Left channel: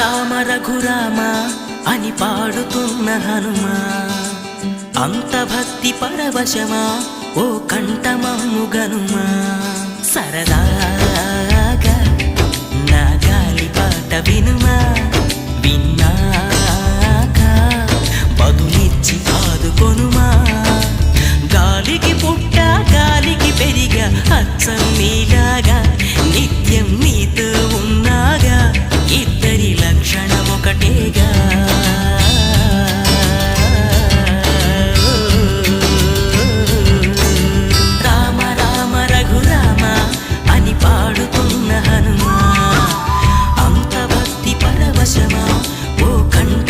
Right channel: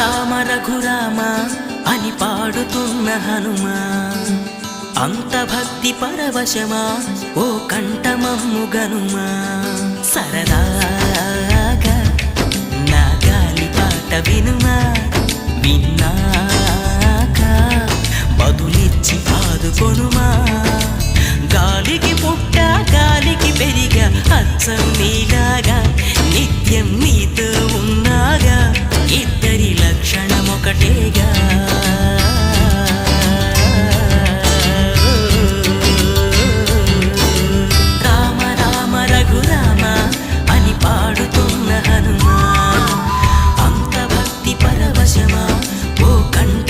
రామ రఘురామ అని పాడుతున్న హనుమా, అంత భక్తి పరవశమా ఓ కంఠమమ్ము గనుమా. సరదాగా నా గాలి పాట వినుమా, విన్నాక బదులిచ్చి ఆదుకొనుమా. గాలికి పుట్ట గాలికి పెరిగా అచ్చం నీలాగా, నిత్యం నీతో ఉన్నాగా, ఇద్దరి లక్షణం ఒకటేగా. రామ రామ రఘురామ అని పాడుతున్న హనుమా, అంత భక్తి పరవశమా ఓ కంఠ